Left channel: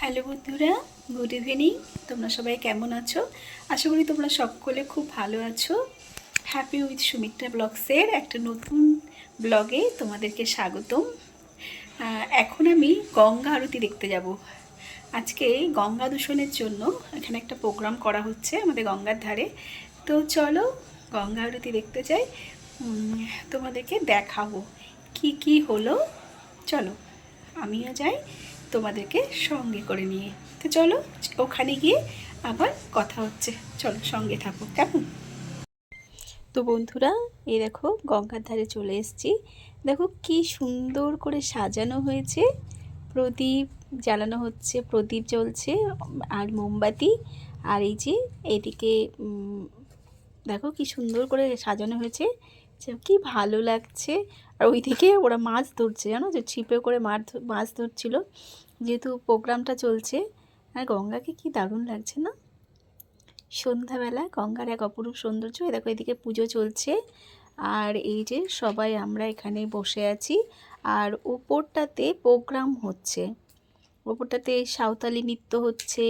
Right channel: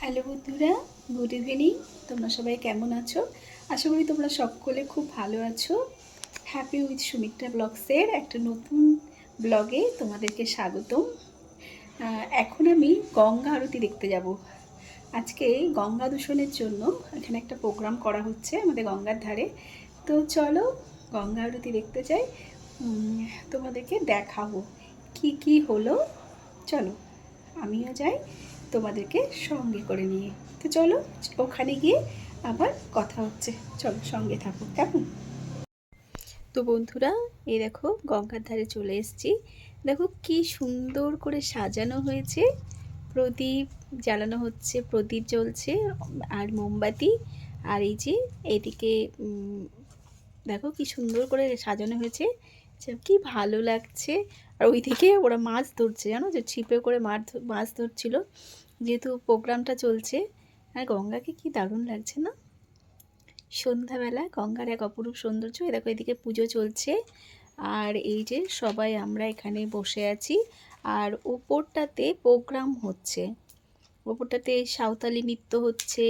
Hello বন্ধুরা, good evening. তোমরা সবাই কেমন আছো? আশা করি তোমরা সকলে খুব ভালো আছো। হ্যাপি উইথ সুমিত্রা ব্লগসের একটা নতুন ব্লগে তোমাদেরকে স্বাগতম। এখন আমি গঙ্গা আরতি দেখতে যাব। আজকে গঙ্গা দূষণের জন্য এখানে একটা প্রোগ্রাম করা হচ্ছে আমাদের গঙ্গার ধারে। তো চলো গঙ্গা আরতি দেখতে যাই তোমাদেরকে দেখাবো কি কি হলো। চলো, আমিও যাই। তোমাদেরকে সঙ্গে করে নিয়ে। তো চলো, ওখানে গিয়ে আবার কথা হচ্ছে। চলো, সঙ্গে থাকো। কেমন? তো বন্ধুরা এই দেখো, গঙ্গার ধারে চলে এসেছি। দেখো, কি সুন্দর করে সাজানো হয়েছে। প্রদীপ জ্বালানো হচ্ছে, প্রদীপ জ্বলছে, আর মোমবাতি। আর এই যে, এদিকে দেখো, কি সুন্দর করে সাজানো হয়েছে। কি ভালো লাগছে। আর ওইদিকে ওরা মাছ ধরছে, জানো? যে ছিপে করে মাছ মাছ ধরছিল। যেহেতু প্রোগ্রামটা চলছে, আর গঙ্গাকে কি দারুণ লাগছে না? সন্ধ্যাবেলা গঙ্গার এক অপরূপ সৌন্দর্য দেখো এদিকে পুজো চলছে। আর এই যে সবাই আমরা এখানে বসে আছি, আর ওপরটাতে প্রোগ্রাম হচ্ছে। ওপরটাতে সাঁওতালি নৃত্য হচ্ছে,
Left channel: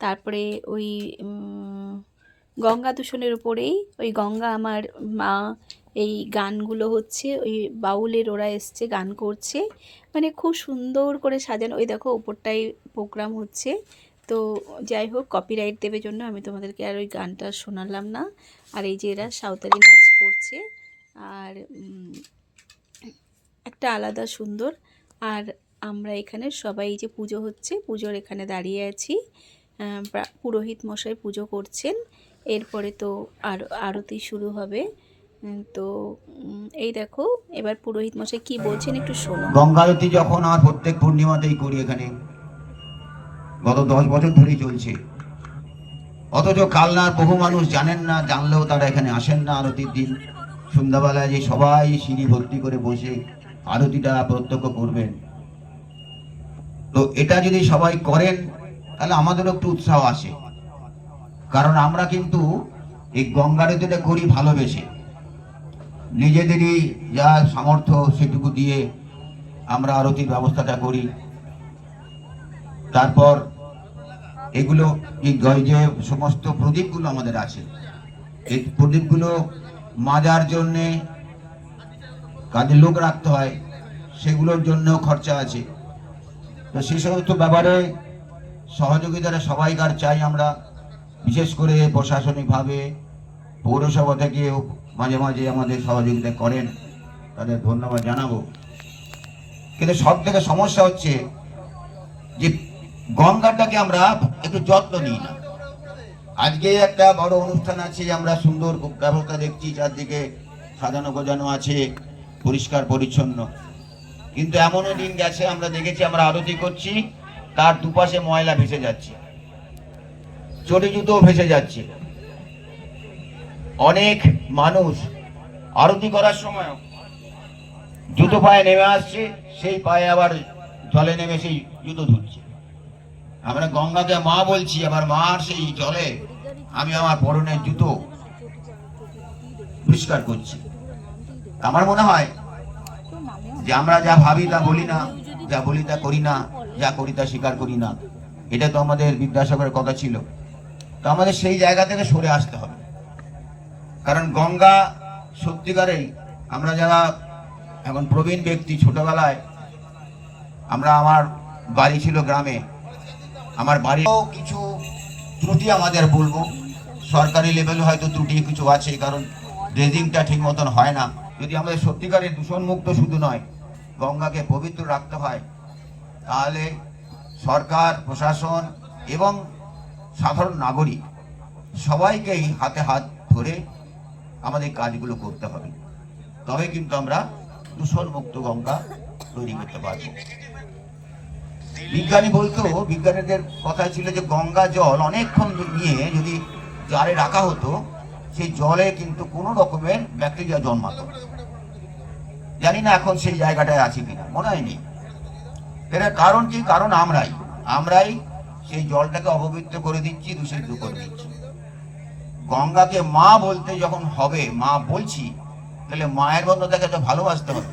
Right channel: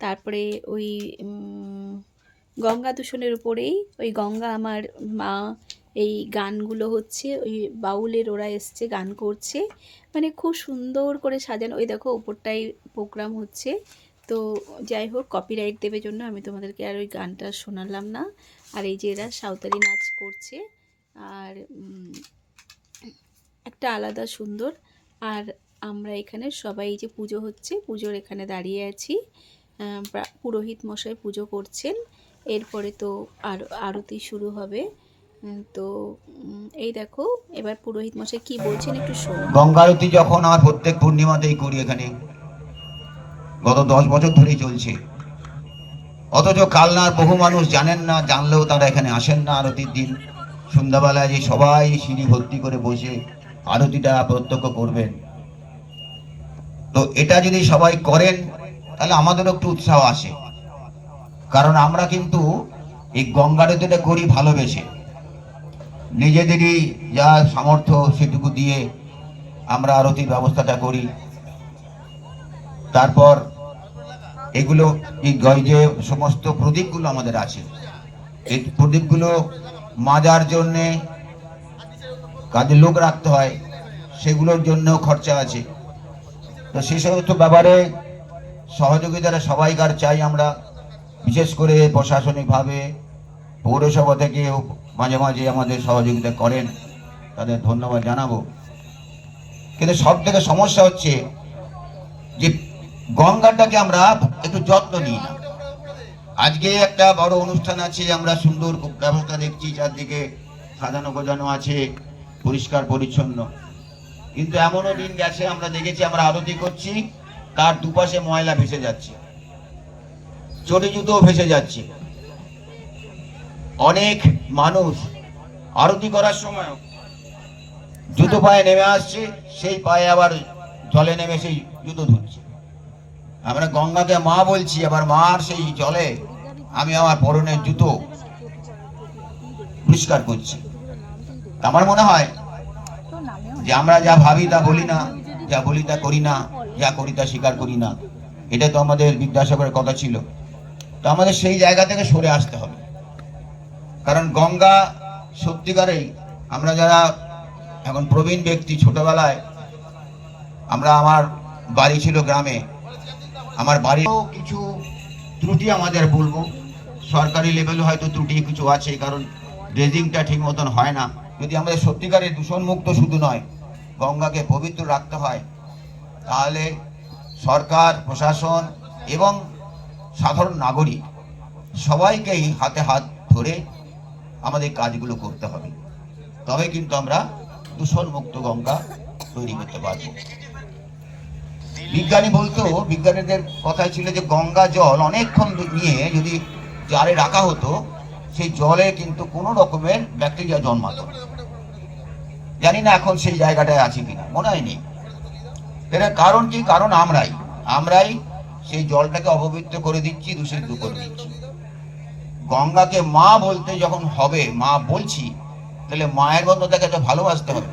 তারপরে ওই গঙ্গা দূষণের উপরেই ওই গঙ্গা আমার মা এই গানগুলো হচ্ছে, ওই বাউলের ওরা এসছে, গান করছে। মানে খুব সুন্দর করে সাজানো। ওই দেখো, ওপরটাই প্রোগ্রাম হচ্ছে। তো যাই হোক কপিরাইট দেবে জন্য আমি তোমাদেরকে আর ওই গানটা শোনালাম না। আর এই যে এরা সাঁওতালি নাচ করছে, আর একটা আলাদা সুন্দর। আর আমরা এখানে সবাই যে পুজো হচ্ছে, পুজোর এখানে দাঁড়িয়ে আছি। পুরোহিত মশাই পুজো করছেন। এরপরে তো আর, আরতি শুরু হবে। তো এই দেখো, এবার পুরোহিত মশাই কি বলছেন একটু শোনো। গঙ্গারতি যখন আর প্রত্যেক পূর্ণিমাতেই করি এখানে, গত দশ বছর ধরেই চলছে। অথচ কালনার বহু মানুষ জানেন না, জানলেও তারা এখানে আসেন না আরতির দিন। সন্ধ্যাবেলায় যে সবাই সিঁড়ি ভর্তি করে বসে আরতিটা প্রত্যক্ষ করবেন। তো এটা যদি সবাই করেন, তাহলে আমাদেরও একটু উৎসাহ আসে। কারণ আমরা কিন্তু এই গঙ্গারতিটা করি ভালোবেসে। নিজেদেরই যা সামর্থ্য সেটুকু দিয়ে আমরা আরতির ব্যবস্থাটা করি। তারপর এগুলো যে সমস্ত প্রদীপগুলো আমাদের আছে। এই প্রদীপগুলো মাজার জন্যে কাজে লোক রাখতে হয়, সেগুলোর জন্যও খরচা আছে। তো সেই সমস্ত ব্যাপারে সহযোগিতাটা সবাইকার চাই আমরা। বিশেষ করে প্রশাসনিকভাবে, পৌরসভা থেকেও মাঝে মাঝে আমাদের সহযোগিতা করেন, তাদের ধন্যবাদ জানাব। কিন্তু সব থেকে সমস্যা হচ্ছে যে গঙ্গাটাকে আমরা একটু যত্ন নিই না। আজকে একটা বড় অনুষ্ঠান আছে, আমরা সুন্দর ব্যবস্থা দেখছি, চারদিকে সাজানো গোজানো আছে, পরিষ্কার পরিচ্ছন্ন। কিন্তু এমনও দিন গেছে, আমরা দেখেছি, আমরা আরতি করছি, তার দুপাশে ময়লা ভেসে যাচ্ছে, চটি জুতো ভেসে যাচ্ছে। অনেক মানুষ আরতি করার সময় জুতো পায়ে নেমে আসছে, সেই পায়ে আবার জলে নেমে সেই জুতো ধুচ্ছে আমরা গঙ্গাকে মা বলছি, আমার মার সেই জলে আমি আমার পরনের জুতো পরিষ্কার করছি। আমার মনে হয় যে আমরা যা ভাবি তা বলি না, যা বলি তা করি না, যা করি তা স্বীকার করি না। এটা তো আমাদের বিদ্যাসাগরের কথা ছিল। তো আমাদের সেই জায়গা থেকে সরে আসতে হবে। কারণ গঙ্গা সত্যিকারেই আমরা যারা এখন প্রবীণ ব্যক্তি ছোটবেলায়, আমরা আমার বাড়ি ছিল গ্রামে। আমার বাড়িও কিছু ত্রুটি আমাদের বলব সরকারি লেভেলে হয়তো ত্রুটি কিছু আছে, কারণ ড্রেজিংটা ঠিক মতন হয় না। যদি আমাদের সত্যিকারের দূষণমুক্ত শুধু নয়, গঙ্গাকে পবিত্র রাখতে হয়, তাহলে সরকার, প্রশাসন এবং সাধারণ নাগরিক সবাইকেই হাতে হাত ধরে আমাদের কাজগুলো করতে হবে। তবে কিন্তু আমরা দূষণমুক্ত গঙ্গা তৈরি করতে পারব। বিজ্ঞানী বলতো, বিজ্ঞানীদের কথাই ছিল যে গঙ্গা জল অনেকক্ষণ নিয়ে যদি জারে রাখা হতো, সেই জলে কিন্তু কোনো রকমের ব্যাকটেরিয়া জন্মাতো। জানি না এখন সেই জায়গাটায় আছে কিনা, মনে হয় নেই এর কারণ কি? কারণ আমরাই। আমরাই সেই জলটাকে অপবিত্র করে দিচ্ছি, দূষিত করে দিচ্ছি। গঙ্গাকে মা বলতে যখন হবে, মা বলছি, তাহলে মায়ের মতো তাকে তো ভালোবাসতে হবে।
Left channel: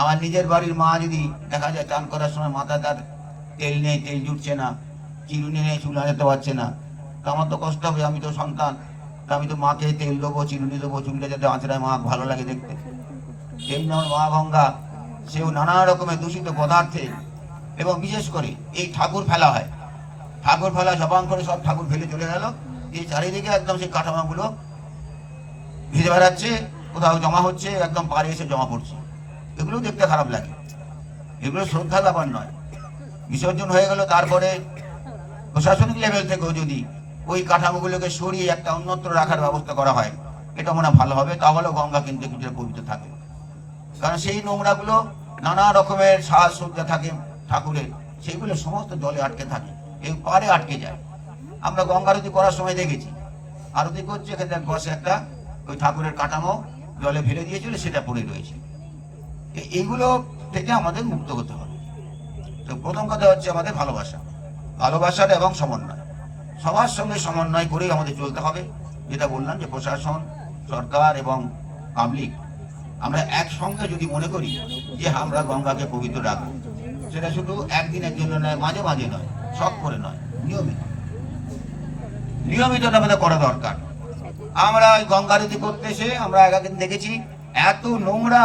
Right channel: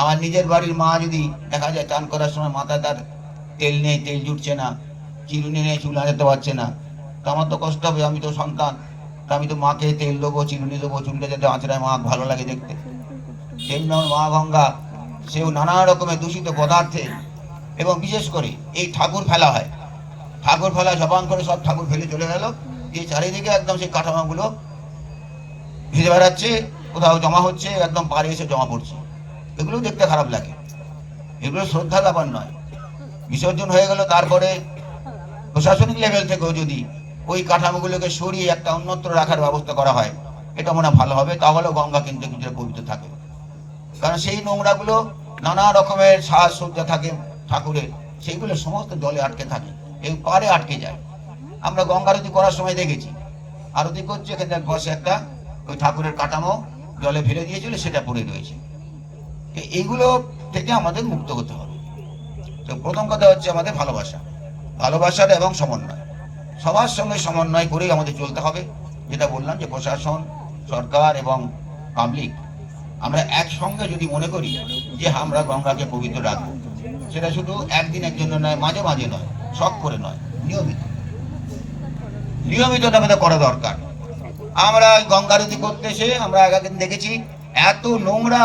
আমার নিজের বাড়ির মা যদি দেখা যায় চান করার সময় মাথা তার তেল নেই, তেল জুটছে না, চিরুনি নেই, চুল আনাতে পারছে না, তা আমার তো কষ্ট হবে, আমি তো সন্তান আমি তো মাকে তেল দেবো, চিরুনি দেবো, চুলটা যাতে আঁচড়ায় মা ভালো লাগে দেখতে। তেমন মা গঙ্গা, সেও নানা রকমের দূষিত পদার্থে, এবং বিশেষ করে এই ঠাকুর ফেলা হয়। ঠাকুর ফেলা জবান করে সব ঠাকুর ফেলে চলে গেল। এই চারিদিকে একদম সেই কাঠামোগুলো ভিজে বেড়াচ্ছে, কোথাও জমা হচ্ছে, একদম পাড়ে এসে জমা পড়ছে। এগুলো দেখতে খারাপ লাগে। এগুলো শ্রদ্ধা ব্যাপার নয়। বিসর্জন হয়ে গেল, তারপরে প্রশাসনিক লেভেল থেকেও যদি ওই কাঠামোগুলোকে সরিয়ে একটা অন্যত্র রাখার ব্যবস্থা করা হয়, এটা মনে ভালো হবে, তাহলেও গঙ্গা কিন্তু কিছুটা পবিত্র থাকে। কারণ সেই নোংরাগুলো নানা রকমের সাজসজ্জা থাকে ঠাকুরের সেইগুলো সমস্ত জলে আটকে থাকে এই পারে আটকে যায়। আমরা গঙ্গা আরতি করার সময় দেখেছি। আরতি করছে, এখানে বসে একটা ওই ঠাকুরের কাঠামো জলে ফেলে দিয়েছিল, সেটা পড়ে রয়েছে। এইগুলো থেকে আমাদের মুক্ত হতে হবে। তো প্রথম কথা হচ্ছে আমাদের ভালোবাসা। ভালোবাসার এবং সমন্বয়। সবার সঙ্গে সমন্বয় করেই আমাদের চলতে হবে। যেটা বললাম যে প্রশাসন, সরকার এবং পাবলিক আমরা একসঙ্গে যদি মনে করি যে আমরা গঙ্গাকে পবিত্র রাখব, সেটা শুধু একদিনের জন্য নয়, মাঝে মাঝে নয়, শখ করে নয়, নিয়মিত। নিয়মিত আমাদের করা দরকার। আমরা ওই গঙ্গারতি করতে এসে আমরা একদিন দেখেছি, এত নোংরা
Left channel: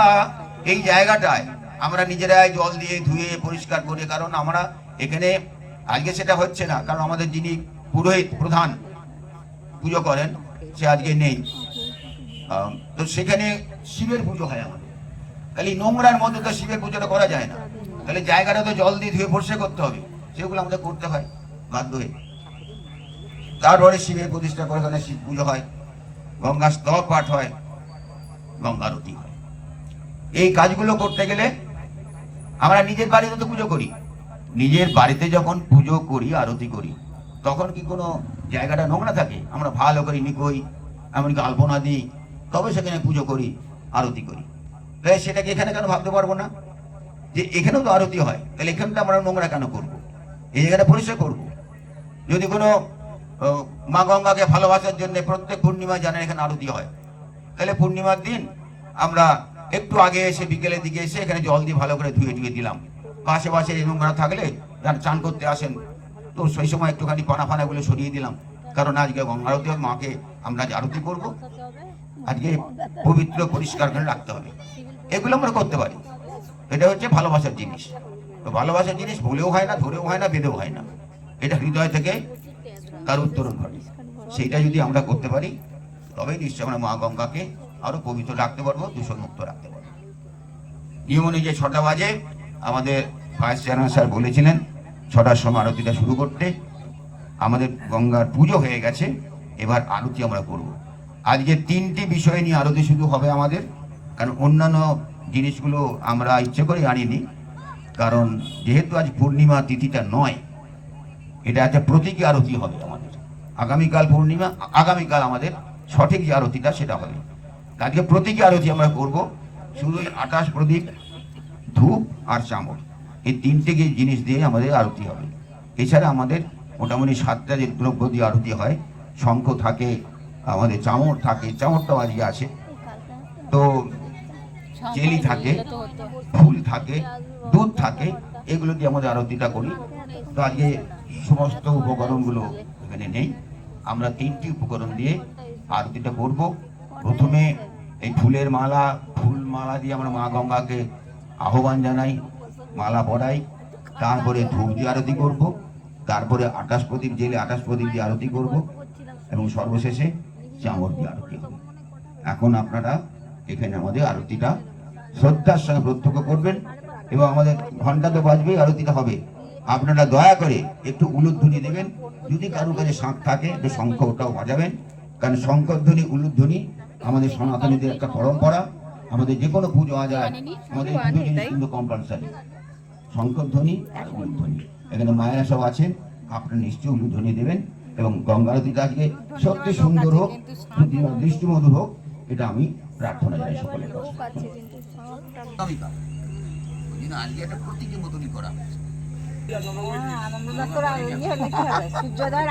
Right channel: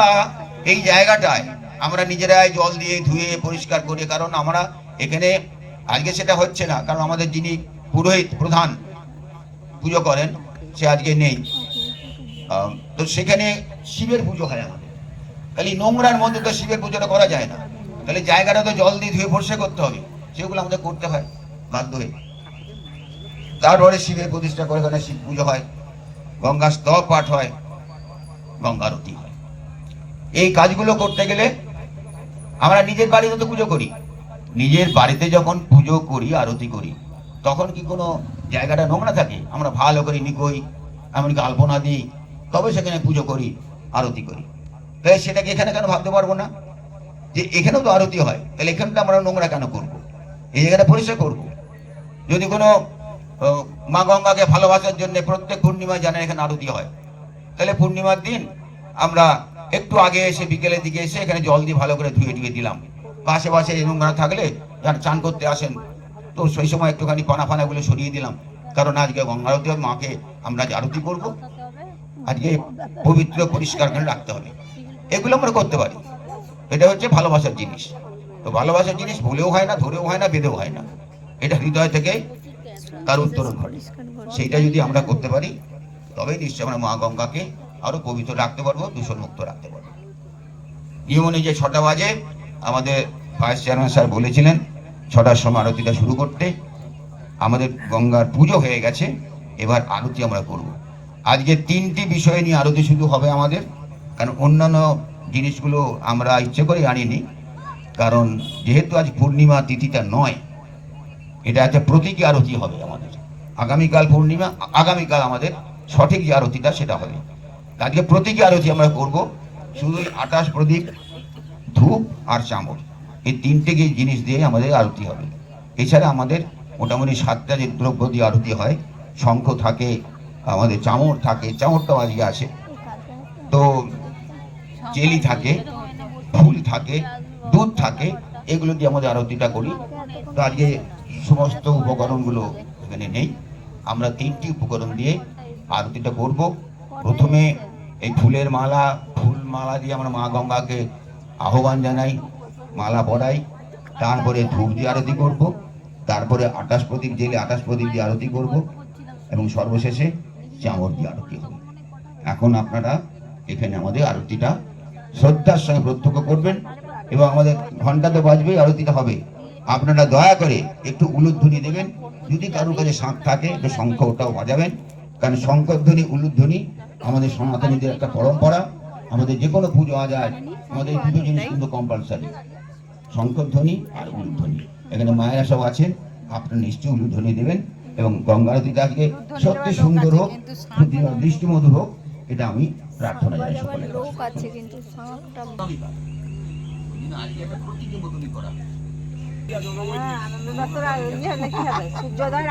এই জায়গাটায় আমরা নিজেরাই জল দিয়ে ধুয়ে পরিষ্কার করে, কারণ আমরা এখানে আজকে সেটা হচ্ছে না, কারণ আমাদের যিনি পুরোহিত প্রধান পুজো করেন, সে আজকে নেই। তো সেখানে শিবের পুজো হয় আমাদের। খালি নোংরার মধ্যে তো শিবের পুজোটা করা যায় না। তাহলে জায়গাটা তো জল দিয়ে ধুয়ে পরিষ্কার করতে হবে, সেগুলো আমাদের করতে হয় বাধ্য হয়ে। তারপরে শিবের প্রতিষ্ঠা করে ওখানে শিব পুজো হয় গঙ্গা স্তব পাঠ হয়, গঙ্গা আরতি হয়। এই কাজগুলো করতে গেলে আমরা নিজের বাড়িতে তো পুজো করি। নিজের বাড়িতে যখন পুজো করি, আরতি করি, তখন কি কোনো জায়গাটা নোংরা থাকে? আমরা ভালো করে নিকই এমনকি আলপনা দিই, তবে সেখানে পুজো করি, আরতি করি। তাই সেটাকে এখানে কেন ভাবতে পারব না? যে এখানেও তো আরতি হয়, তাহলে এখানটা আমরা নোংরা কেন করব? এই জায়গাটা পরিষ্কার করব। যদি কোনো মা গঙ্গাকে ভালোবাসার জন্য প্রত্যেক পূর্ণিমায় জানেন এখানে আরতি হয়। তাহলে পূর্ণিমার দিন আমরা একটু আগে এসে বিকেলের দিকে এসে এখানে জল দিয়ে ভালো করে ধুয়ে ধুয়ে দিলাম। আশেপাশে এই নোংরা থাকলে যারা চান করতে আসেন তো সেই সময় একটুখানি পানা ফানাগুলো সরিয়ে দিলাম। কারণ আজকে গঙ্গা আরতি হবে, মাকে আমরা আরতি করব। আজকে পবিত্র পরিষ্কার করে রাখতে হবে। এগুলো আমরা করতে পারি। এটা হচ্ছে ভালোবাসার জিনিস। তো ভালোবাসার জিনিস ভুলেও হয় না ধরেও হয় না বেঁধেও হয় না। এটা হৃদয় থেকে তার উত্তরণ ঘটে সেইটা যদি আমরা করতে পারি, তবেই নিশ্চয়ই আমরা মা গঙ্গাকে আরও পবিত্র রাখতে পারব, দূষণ মুক্ত রাখতে পারব। নিয়ম অনুযায়ী ছটা বাজে, আমাদের ভাইস চেয়ারম্যান স্যার বলেছিলেন, ছটার সময় আরতিটা শুরু করতে। আমাদের গঙ্গার পুজো হয়ে গেছে, এবার আরতি আমরা করব। আজকে তিনটি বিষয় নিয়ে আরতি শুরু হবে আমাদের, কারণ অন্যান্য জিনিসগুলো আমরা ইচ্ছে করে আনিনি, কারণ যেহেতু আজ পূর্ণিমা তিথিটা নয় এটা একটা প্রতীকী আরতি হবে আমাদের। আগামীকাল পূর্ণিমা, আগামীকাল আমাদের সঠিক যে আরতিটা সেটা হবে। আজকে প্রতীকী আরতি আমরা করব, শুধু আকাশ প্রদীপ, ধূপ আর চামড় এই তিনটে জিনিস দিয়ে আমাদের আরতি হবে। এছাড়া আমাদের মোটামুটি সাতটা যে দ্রব্য দিয়ে আরতি হয়, শঙ্খ থাকে, আমাদের চামড় থাকে চামড়টাও আজকে আছে। তো চেলি থাকে, ফুল থাকে, দুধ থাকে, এগুলো দিয়ে আমাদের আরতিটা করি। তো আজকে সমস্ত উপকরণগুলো এখানে নেই। আমরা তিনটি উপকরণ দিয়ে আরতিটা করব। প্রথমে এই ফুলের মালা, ফুল মালা দিয়ে আমরা মা গঙ্গাকে আহ্বান জানাই, মালা পরাই তারপরে ধূপ দিয়ে আরতি করব। তারপরে আকাশ প্রদীপ জেলে আকাশ প্রদীপ দিয়ে আরতি করব এবং সর্বশেষে চামড় দিয়ে আরতি হবে এখন আপনারা এখানে আমাদের আরতিটা শ্রদ্ধার সঙ্গে প্রত্যক্ষ করবেন এবং আমাদের ঘণ্টা তো বাজবেই, আরতিটা হবে। আপনারা দয়া করে একটু উলুধ্বনি দেবেন। যদি কারোর কাছে শাঁখ থাকে একটু শঙ্খ ওটাও বাজাবেন। কারণ শঙ্করধ্বনি উলুধ্বনি আমাদের সনাতনীদের একটা পরম্পরা। আমাদের যে কোনো পুজো আজ হয় আমাদের এই দুটো জিনিস কিন্তু কম্পালসারি শঙ্করধ্বনি আর উলুধ্বনি। এখানে মায়েরা সব আছেন আপনারা নিশ্চয়ই উলুধ্বনি দেবেন। এবং গঙ্গা আরতিটা আজকে সত্যি সুন্দর হোক প্রতিমা দৃষ্টিমধুর হোক এটা আমি প্রার্থনা জানাই সকলের কাছে। লোক আছে কিন্তু সাউন্ডটা হ্যাঁ সূর্যোদয়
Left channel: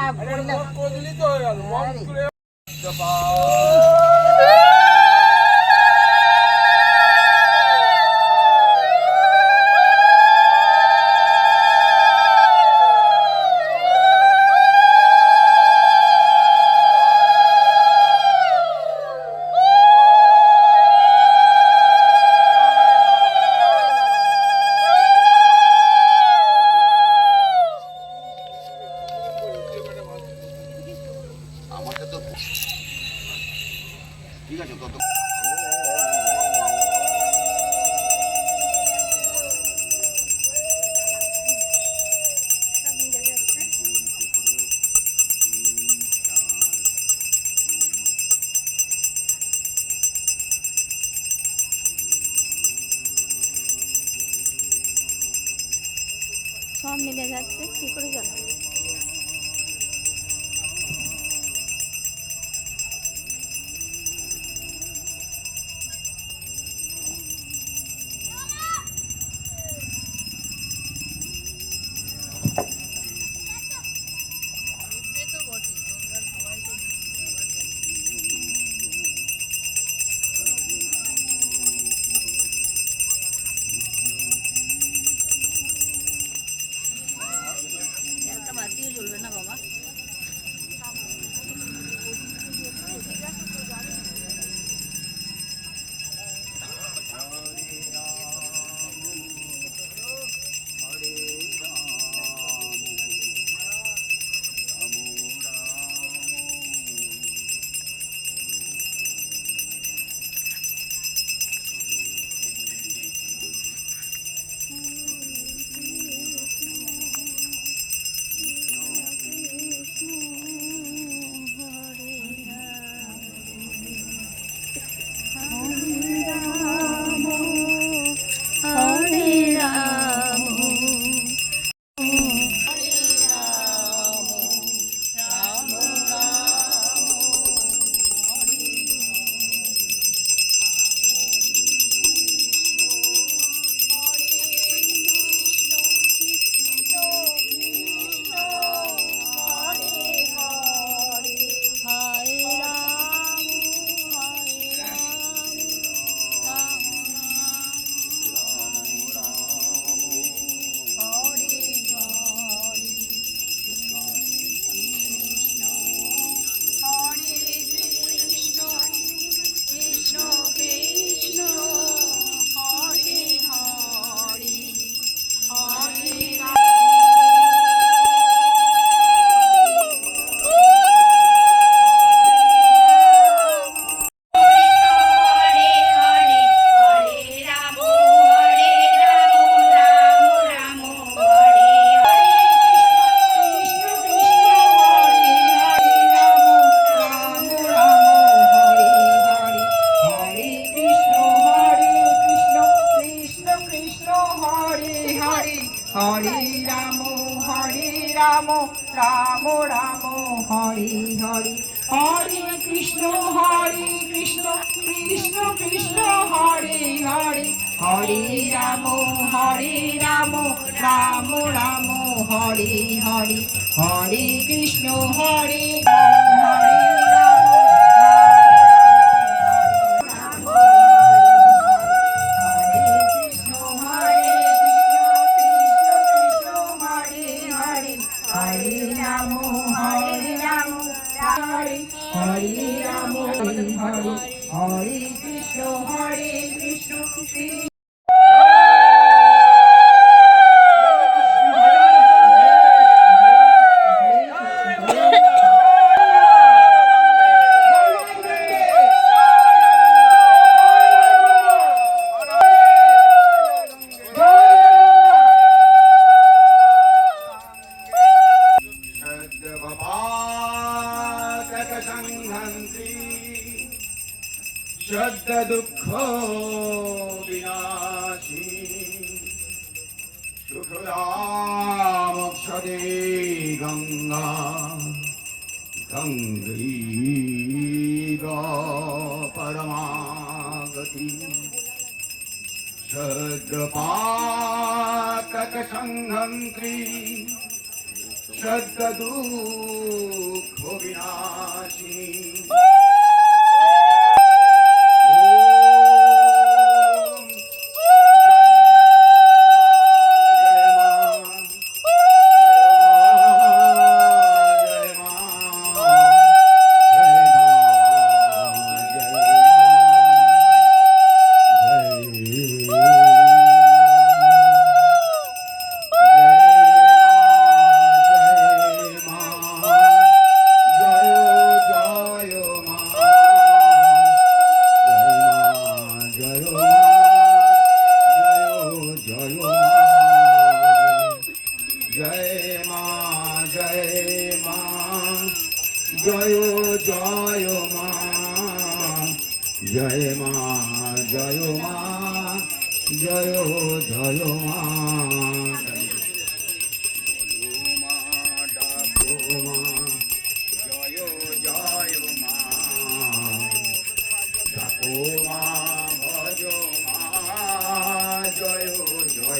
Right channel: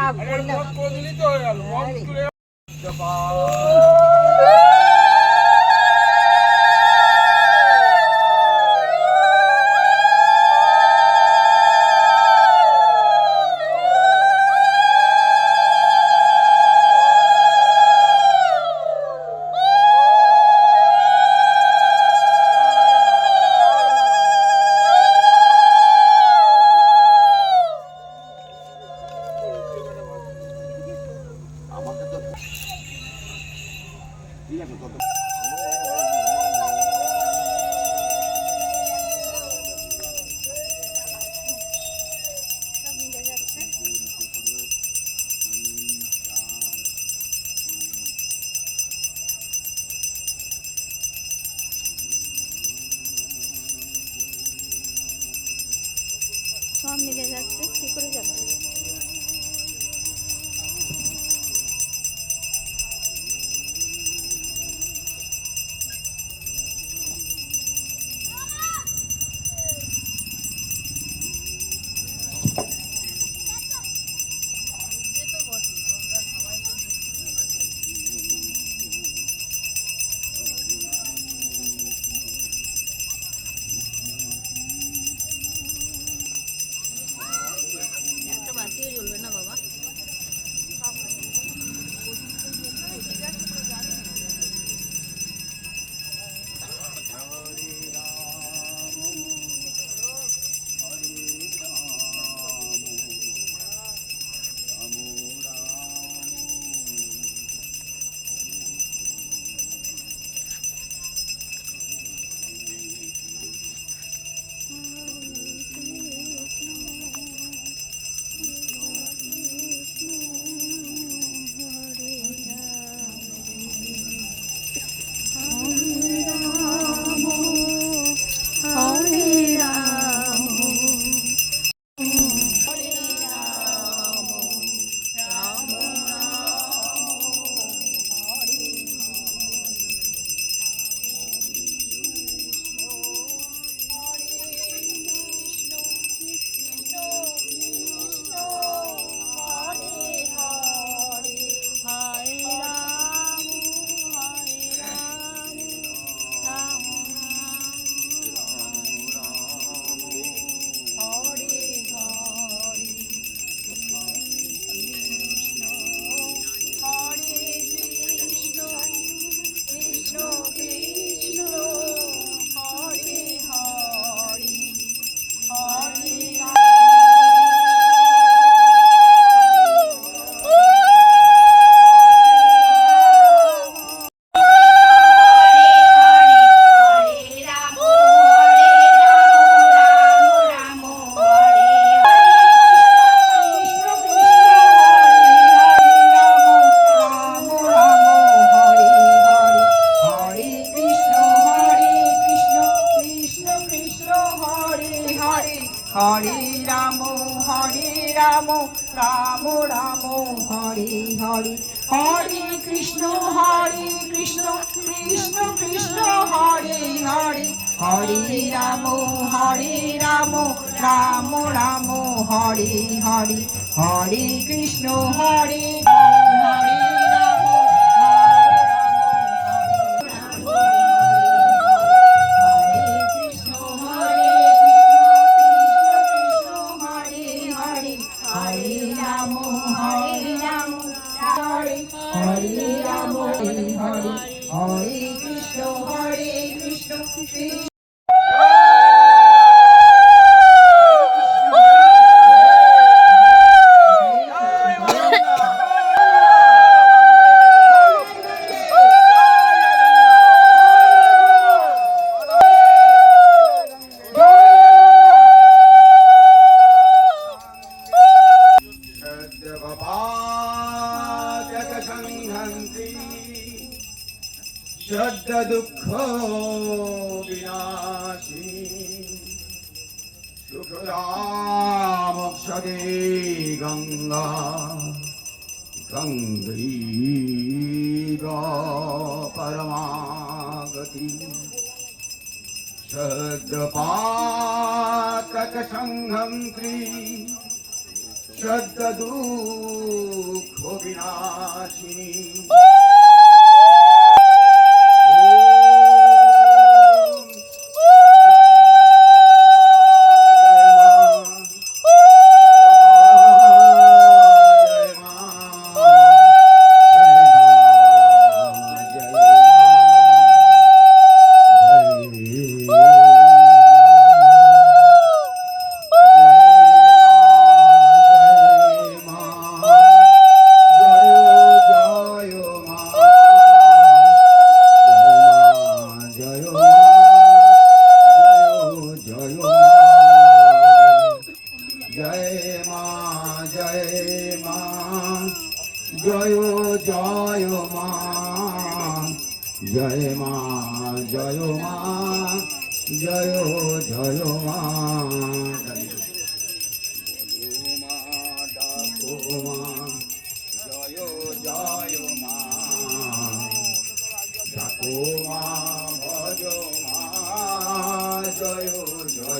शब्द दुख विनाशिनी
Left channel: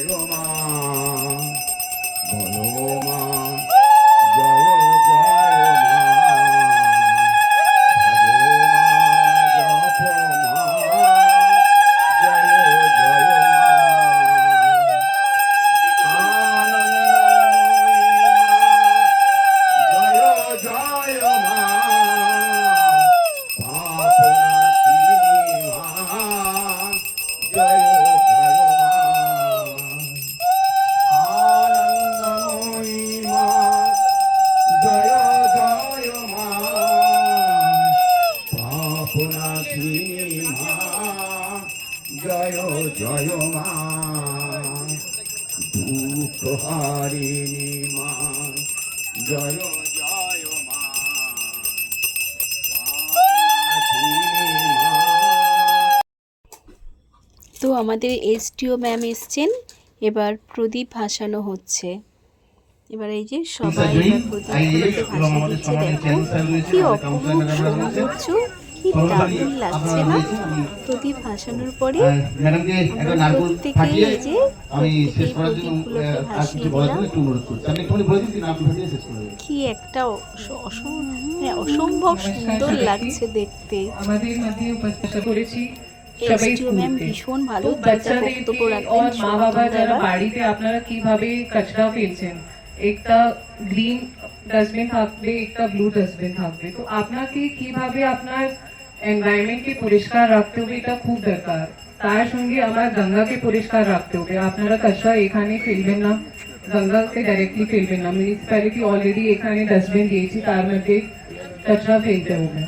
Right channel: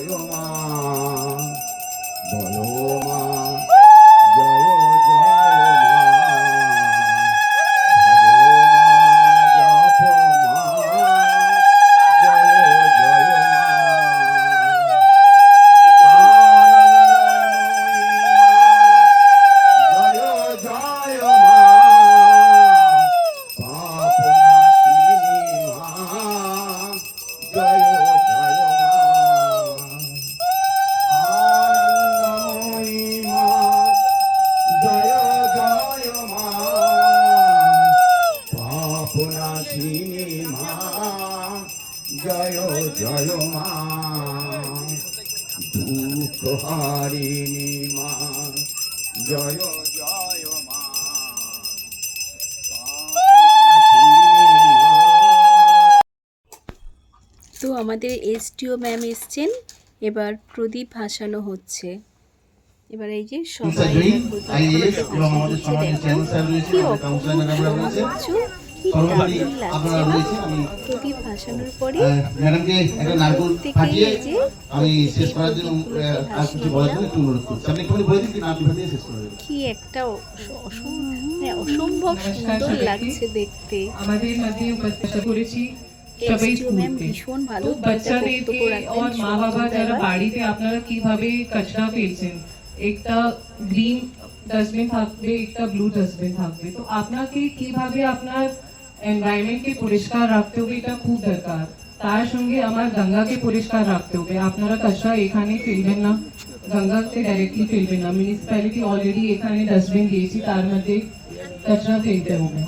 জয় হারিণী মা জয় জয় মা। তো আমাদের এসটিও ম্যাম এসছেন এবার প্রদীপ ভাসানো হচ্ছে। এবার এই যে সবাই দিচ্ছে দেখো কি অপূর্ব সৌন্দর্য। কি দারুণ লাগছে না? প্রদীপ ভাসানোর পরে প্রত্যেকেই যে কি একটা মানে অসম্ভব সুন্দর লাগছে দেখতে। আমাদের উপস্থিত করেছি। ভীষণ ভালো বক্তব্য মা বাবা যারা বাড়িতে আপনারা কীভাবে কচরা ফেলছেন? একটা গ্রিন ডাস্টবিন থাকবে একটা ব্লু ডাস্টবিন থাকবে। তো আপনাকে কীভাবে আপনার এনভায়রনমেন্টকে পরিষ্কার রাখতে হবে এটা খুব দরকার তার সঙ্গে আমার গঙ্গাকে পরিষ্কার রাখতে হবে আপনারা কচরা এখানে ফেলবেন না গঙ্গাকে ডাইরেক্টলি ফেলবেন না মিউনিসিপ্যালিটি অলরেডি এখানে ডাস্টবিন দিয়েছি তার মধ্যে কচরা ফেলতে হবে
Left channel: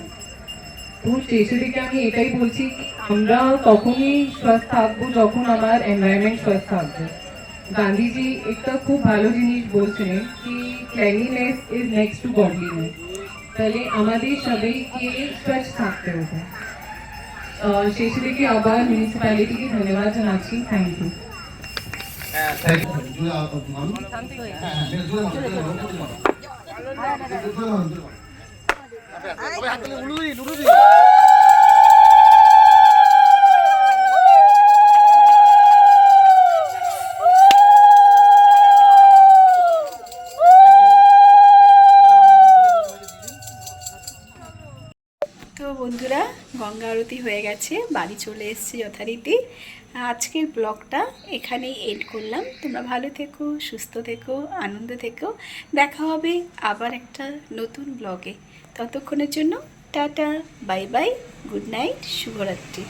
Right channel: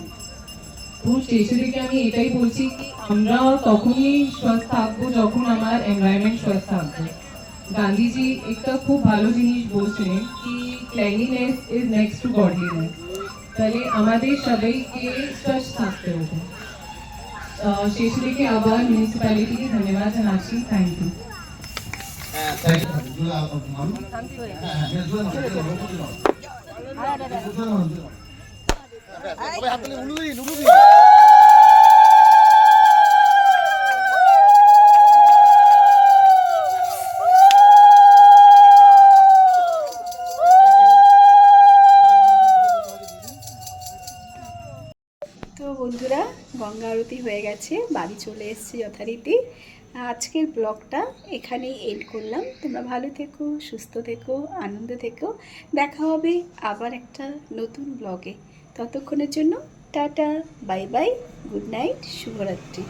তো শেষে দিকে আমি এটাই বলছি কি আমরা তখনই সুস্থ থাকব যখন আমার এনভায়রনমেন্ট সুস্থ থাকবে গান্ধীজি একটা খুব ভালো জিনিস বলছেন কি cleanliness is next to godliness তাহলে আমাদের সবাইকে স্বচ্ছ থাকতে হবে আহ, শেষে দিকে আবার মিউনিসিপ্যালিটিকে ধন্যবাদ জানাচ্ছি থ্যাংক ইউ জোরে আওয়াজ মারুন। হ্যাঁ, আরতি হয়ে গেছে, বাড়ি চলে এসেছি যথারীতি। আজকের ব্লগটা এখানেই এন্ড করলাম। তোমরা ভালো থেকো, সুস্থ থেকো, আনন্দ থেকো। দেখা হবে আবার একটা নতুন ব্লগে। ততক্ষণের জন্য tata, bye bye, good night, শুভরাত্রি।